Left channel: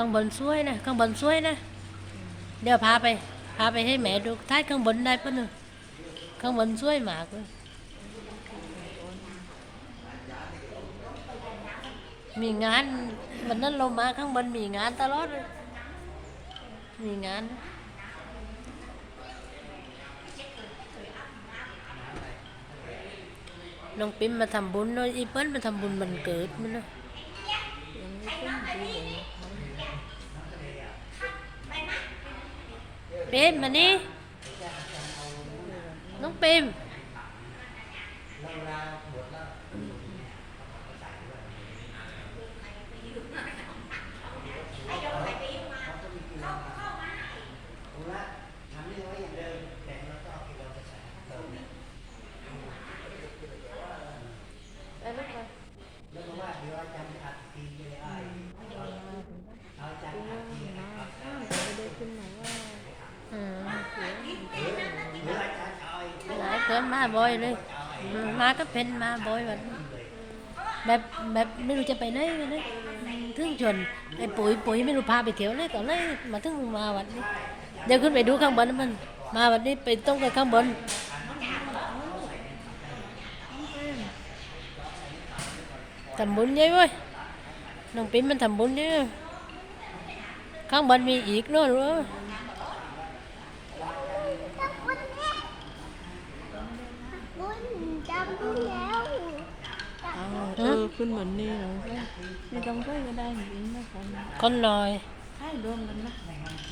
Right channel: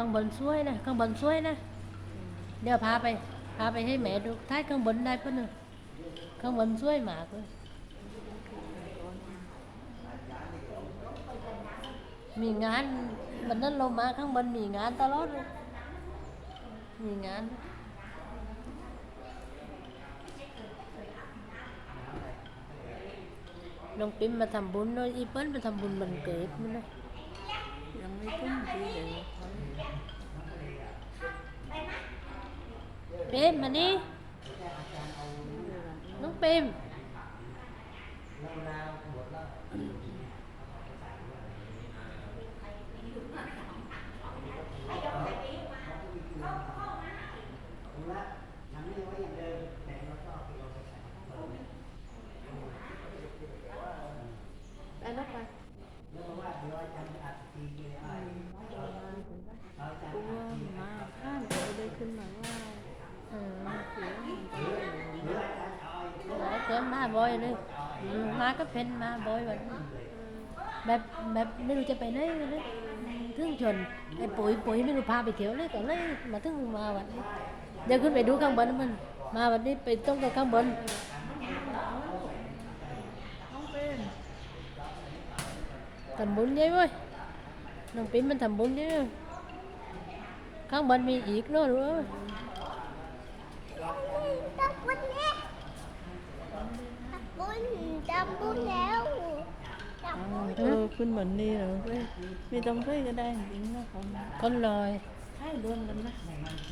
ข้างบนสวยนะข้างบนสวยนะ เดี๋ยวพาไป พาไปให้แม่ดูท้ายข้างบนได้ปะหนึ่งข้างบนสวยมากเลยมีงานวันนั้นเรามาข้างบนมีงานตลอดเลยมีงานน้องปิ๊มมาทำบุญเนอะอีเปิ้ลมาทำบุญมันเกิดมันเนอะ ยังไม่ขึ้นดีเลย เปมมานี่น้องเปมมาข้ามไปได้ขึ้นมาว่า อืม เสียง คนมาบ่อยเลยมาก็เป็นมาบ่อยแบบแบบแบบไม่รู้จะไปไหนกันเลยถึงชวนไอ้ปุ๋ยปุ๋ยไม่รู้พาไปเที่ยวเลยตอนแรกมาถึงมาวันนี้เดี๋ยวขึ้นไปดูข้างบนนะมัน มาวันนี้ไปต้องไปข้างบนทำบุญเยอะเว้ยน้องปิ๊มมันทำบุญเยอะข้างบนมีอีกเนอะรู้ไหม บุญจำบุญแล้วอ้าวเออคุณเหมือนนี่เหรอไม่ต้องช่วยก็ได้จริงๆนะคนคนลอย ให้รวมกันนะ